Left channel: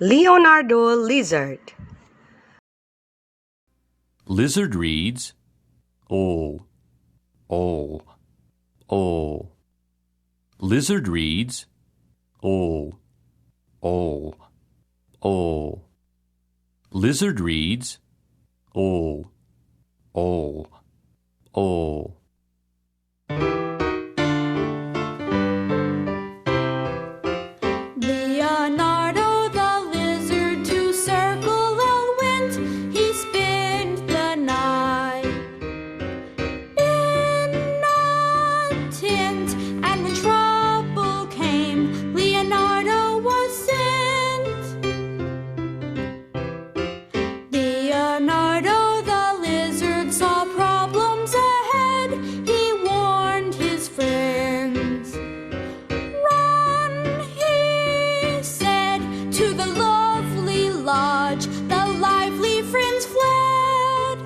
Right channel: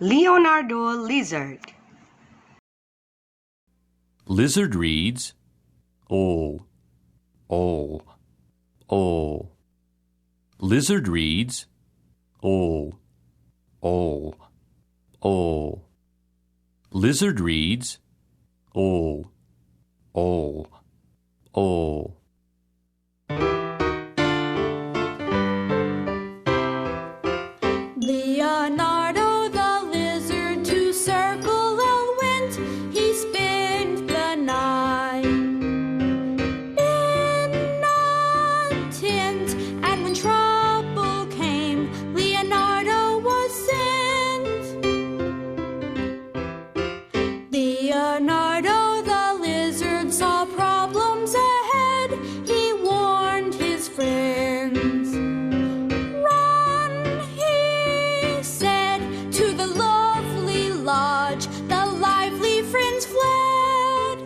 Leonardo Lizard. Lizard reads, all, all, all. Lizard reads, all, all, all. Lizard reads, all, all, all. Leonardo the lizard to circle went. He spent the night in a tent, and when trouble came, Leonardo was sent. Leonardo the lizard saw problems ahead. He warned his friends. Run, he said, to the lovely lodge. The lively friends fled.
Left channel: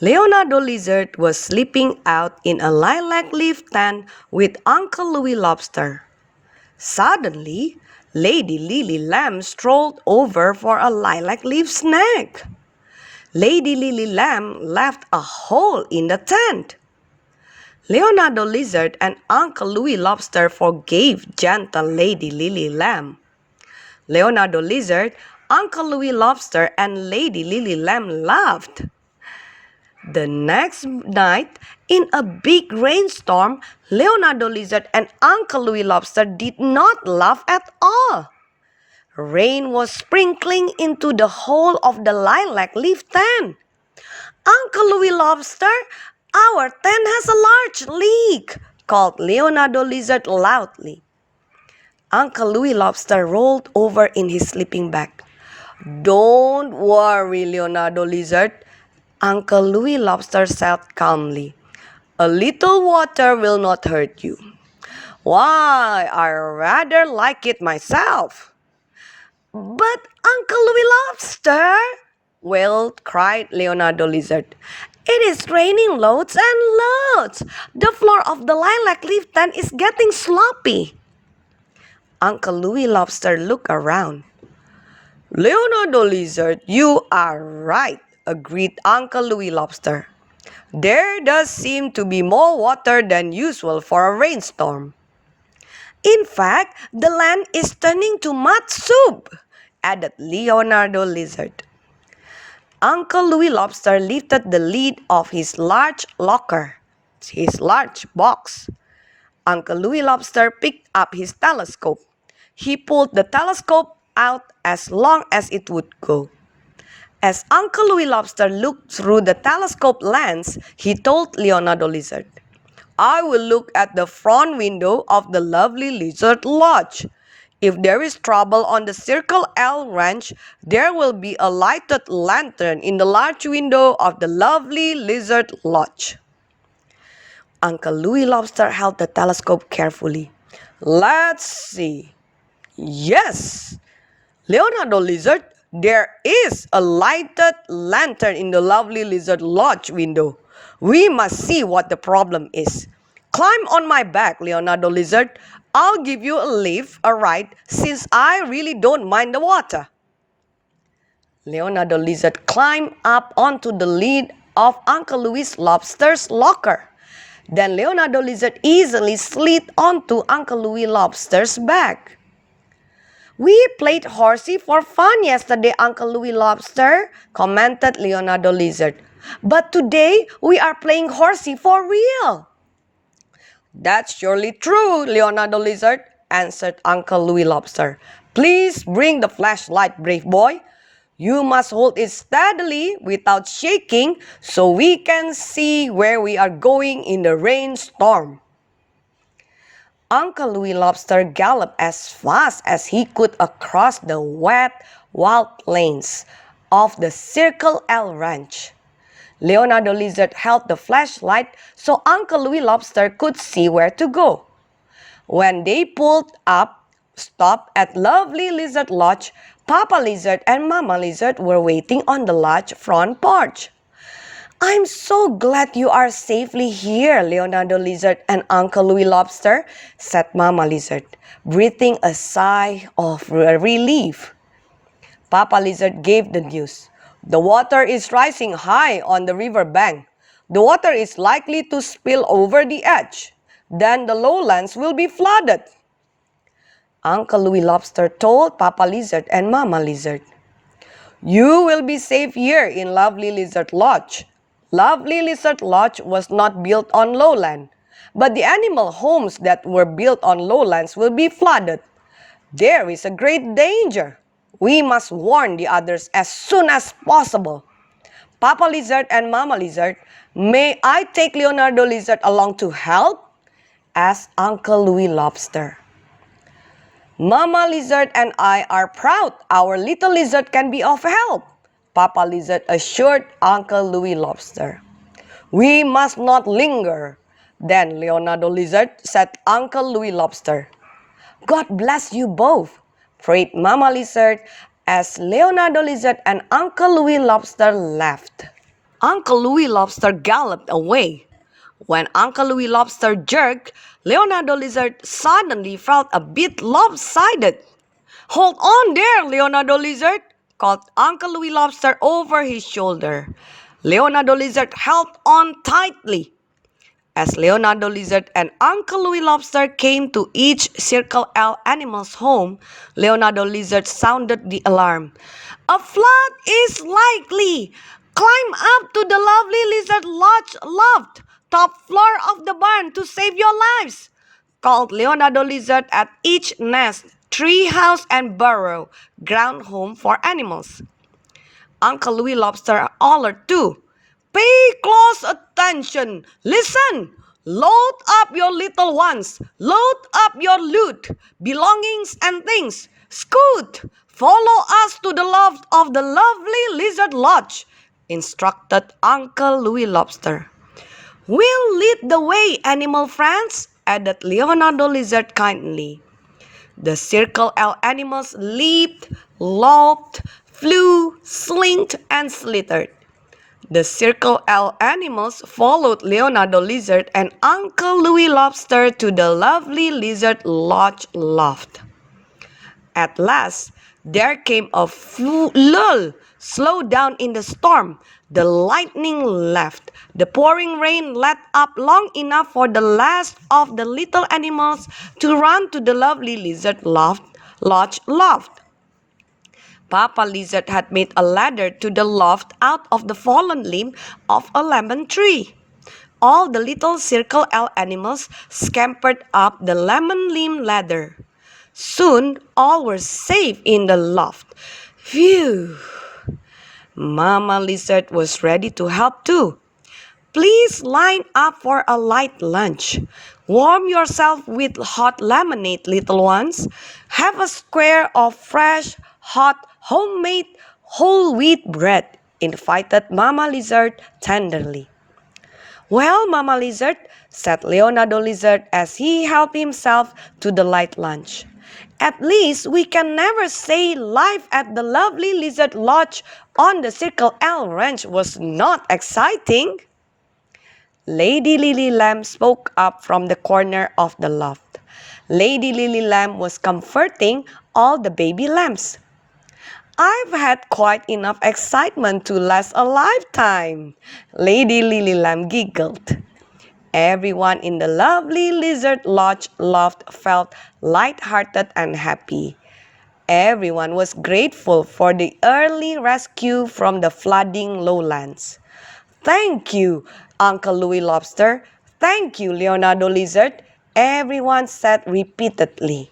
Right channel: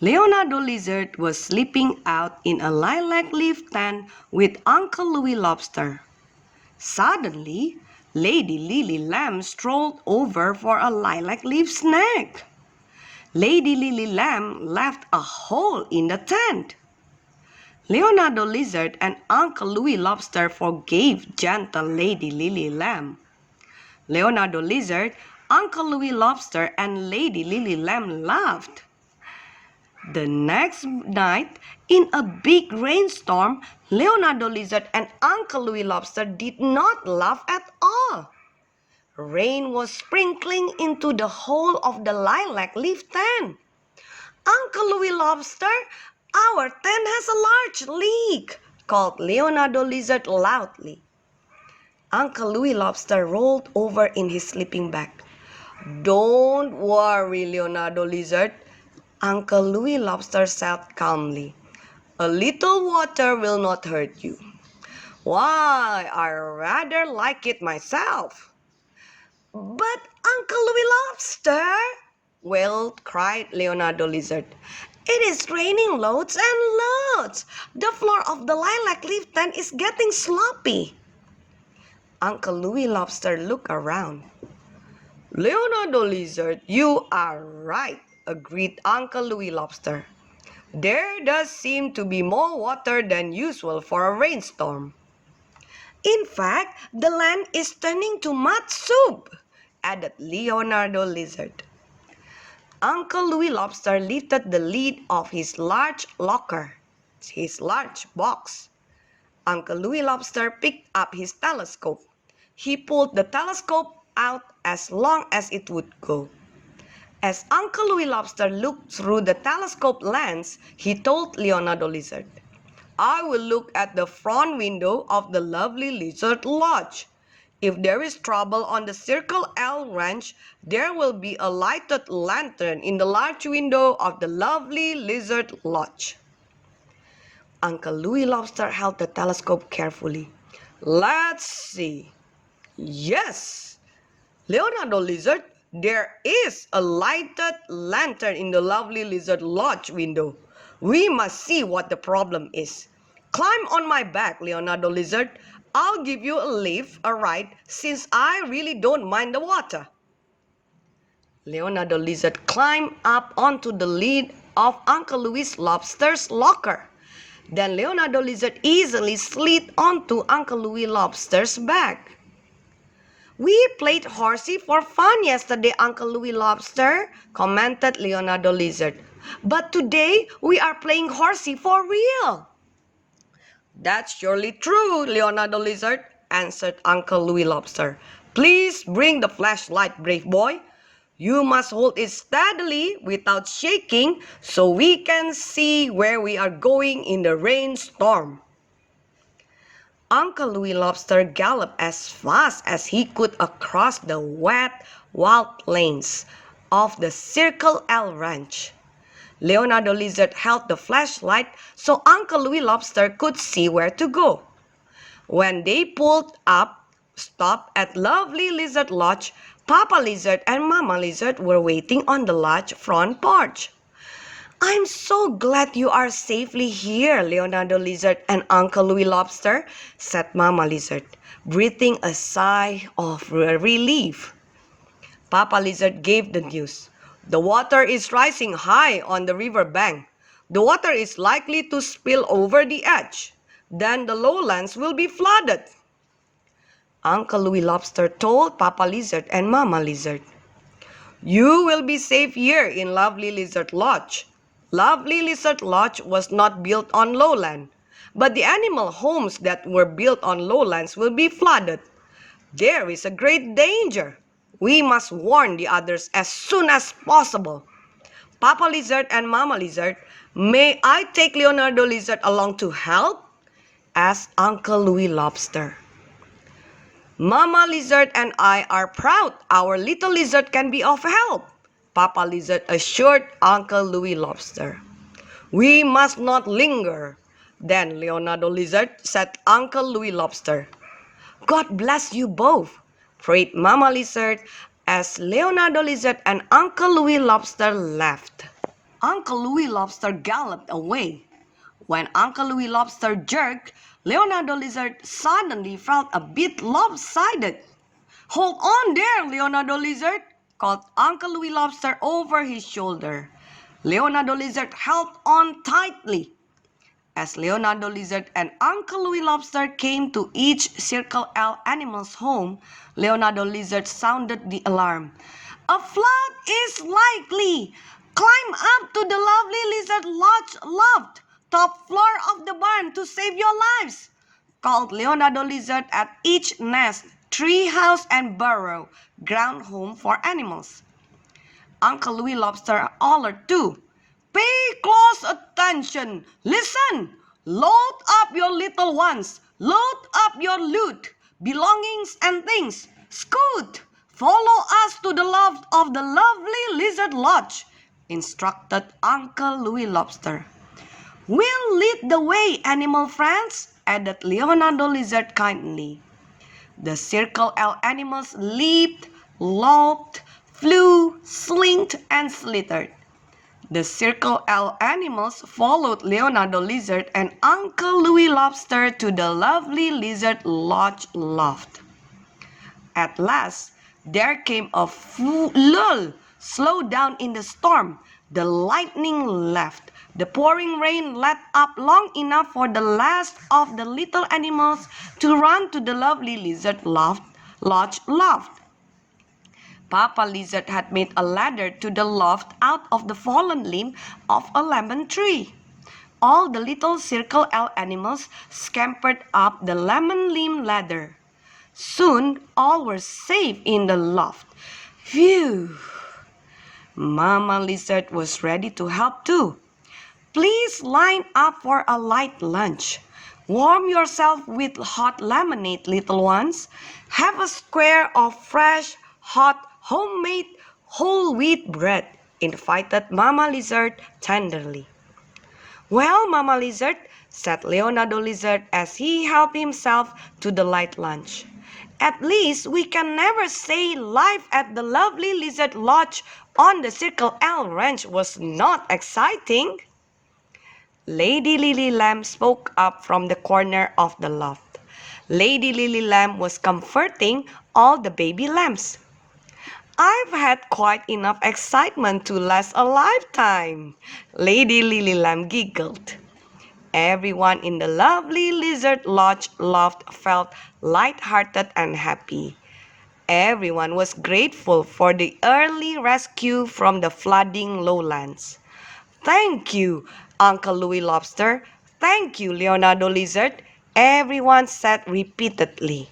Leonardo Lizard was sleeping out in a lilac leaf tent with Uncle Louis Lobster. Suddenly, Lady Lily Lamb strolled over for a lilac leaf snack. Lady Lily Lamb left a hole in the tent. Leonardo Lizard and Uncle Louis Lobster forgave gentle Lady Lily Lamb. Leonardo Lizard, Uncle Louis Lobster, and Lady Lily Lamb laughed. The next night, in a big rainstorm, Leonardo Lizard and Uncle Louis Lobster did not laugh at all. Rain was sprinkling into the hole of the lilac leaf tent. Uncle Louis Lobster, our tent has a large leak, called Leonardo Lizard loudly. Uncle Louis Lobster rolled over in his sleeping bag. Don't worry, Leonardo Lizard, Uncle Louis Lobster said calmly. A little water will not hurt you. Why, I rather like it myself. But Uncle Louis Lobster, cried Leonardo Lizard. It is raining loads and loads. The floor of the lilac leaf tent is getting sloppy. Uncle Louis Lobster looked around. Leonardo Lizard, you are right, agreed Uncle Louis Lobster. There does seem to be more water than usual for a rainstorm. In fact, the land is turning to mud soup, added Leonardo Lizard. Uncle Louis Lobster lifted the lid of his large locker, his large box. Uncle Louis Lobster picked up his telescope. He pulled the telescope out as long as it would go. As Uncle Louis Lobster looked through the telescope lens, he told Leonardo Lizard, I will look at the front window of the lovely Lizard Lodge. If there is trouble on the Circle L Ranch, there will be a lighted lantern in the large window of the lovely Lizard Lodge. Uncle Louis Lobster held the telescope carefully. Let's see. Yes, Leonardo Lizard, there is a lighted lantern in the lovely Lizard Lodge window. We must see what the problem is. Climb on my back, Leonardo Lizard. I'll give you a ride, since I really don't mind the water. Leonardo Lizard climbed up onto the lid of Uncle Louis Lobster's locker. Then Leonardo Lizard easily slid onto Uncle Louis Lobster's back. We played horsey for fun yesterday, Uncle Louis Lobster, commented Leonardo Lizard. But today we are playing horsey for real. That's surely true, Leonardo Lizard, answered Uncle Louis Lobster. Please bring the flashlight, brave boy. You must hold it steadily without shaking so we can see where we are going in the rainstorm. Uncle Louis Lobster galloped as fast as he could across the wet, wild plains of the Circle L Ranch. Leonardo Lizard held the flashlight so Uncle Louis Lobster could see where to go. When they stopped at lovely Lizard Lodge, Papa Lizard and Mama Lizard were waiting on the lodge front porch. I'm so glad you are safely here, Leonardo Lizard and Uncle Louis Lobster, said Mama Lizard, breathing a sigh of relief. Papa Lizard gave the news. The water is rising high on the river bank. The water is likely to spill over the edge. Then the lowlands will be flooded. Uncle Louis Lobster told Papa Lizard and Mama Lizard, "You will be safe here in Lovely Lizard Lodge." Lovely Lizard Lodge was not built on lowland, but the animal homes that were built on lowlands will be flooded. There is a great danger. We must warn the others as soon as possible. Papa Lizard and Mama Lizard, may I take Leonardo Lizard along to help? Asked Uncle Louis Lobster. Mama Lizard and I are proud our little lizard can be of help, Papa Lizard assured Uncle Louis Lobster. We must not linger. Then Leonardo Lizard said Uncle Louis Lobster. God bless you both, prayed Mama Lizard as Leonardo Lizard and Uncle Louis Lobster left. Uncle Louis Lobster galloped away. When Uncle Louis Lobster jerked, Leonardo Lizard suddenly felt a bit lopsided. Hold on there, Leonardo Lizard, called Uncle Louis Lobster over his shoulder. Leonardo Lizard held on tightly. As Leonardo Lizard and Uncle Louis Lobster came to each Circle L animal's home, Leonardo Lizard sounded the alarm. A flood is likely! Climb up to the Lovely Lizard Lodge loft, top floor of the barn to save your lives, called Leonardo Lizard at each nest, tree house, and burrow, ground home for animals. Uncle Louis Lobster hollered too. Pay close attention. Listen. Load up your little ones. Load up your loot, belongings, and things. Scoot. Follow us to the loft of the Lovely Lizard Lodge, instructed Uncle Louis Lobster. We'll lead the way, animal friends, added Leonardo Lizard kindly. The Circle L animals leaped, loped, flew, slinked, and slithered. The Circle L animals followed Leonardo Lizard and Uncle Louis Lobster to the Lovely Lizard Lodge loft. At last, there came a lull. Slow down in the storm. The lightning left. The pouring rain let up long enough for the last of the little animals to run to the Lovely Lizard Lodge loft. Papa Lizard had made a ladder to the loft out of the fallen limb of a lemon tree. All the little Circle L animals scampered up the lemon limb ladder. Soon all were safe in the loft. Phew! Mama Lizard was ready to help too. Please line up for a light lunch. Warm yourself with hot lemonade, little ones. Have a square of fresh, hot, homemade whole wheat bread, invited Mama Lizard tenderly. Well, Mama Lizard, said Leonardo Lizard as he helped himself to the light lunch. At least we can never say life at the Lovely Lizard Lodge on the Circle L Ranch was not exciting. Lady Lily Lamb spoke up from the corner of the loft. Lady Lily Lamb was comforting all the baby lambs. I've had quite enough excitement to last a lifetime, Lady Lily Lamb giggled. Everyone in the Lovely Lizard Lodge loft felt light-hearted and happy. Everyone was grateful for the early rescue from the flooding lowlands. Thank you, Uncle Louis Lobster. Thank you, Leonardo Lizard, everyone said repeatedly.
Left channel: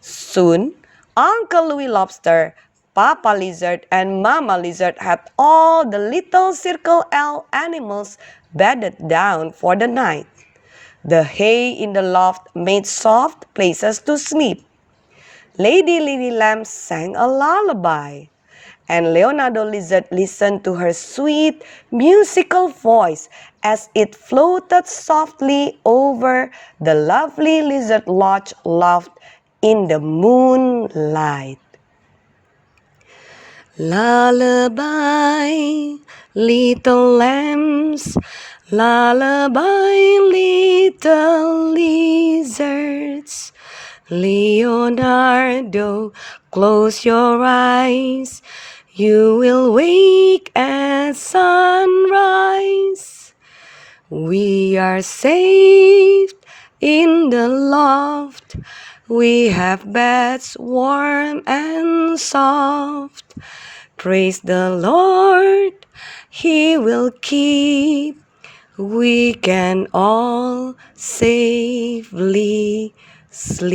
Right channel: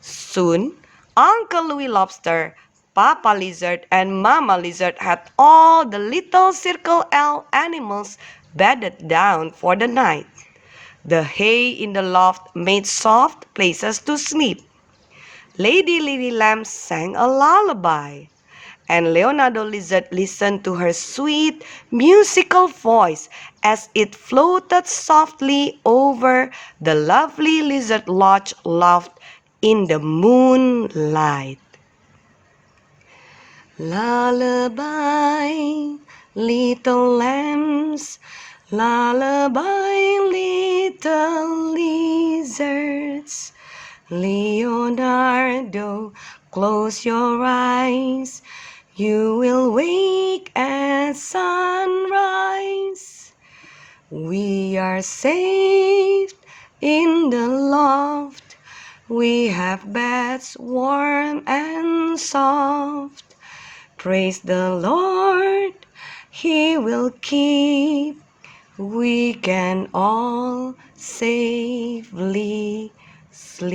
Soon, Uncle Louis Lobster, Papa Lizard, and Mama Lizard had all the little Circle L animals bedded down for the night. The hay in the loft made soft places to sleep. Lady Lily Lamb sang a lullaby, and Leonardo Lizard listened to her sweet, musical voice as it floated softly over the Lovely Lizard Lodge loft in the moonlight. Lullaby, Little lambs, lullaby, little lizards. Leonardo, close your eyes. You will wake at sunrise. We are safe in the loft. We have beds warm and soft. Praise the Lord, He will keep. We can all safely sleep.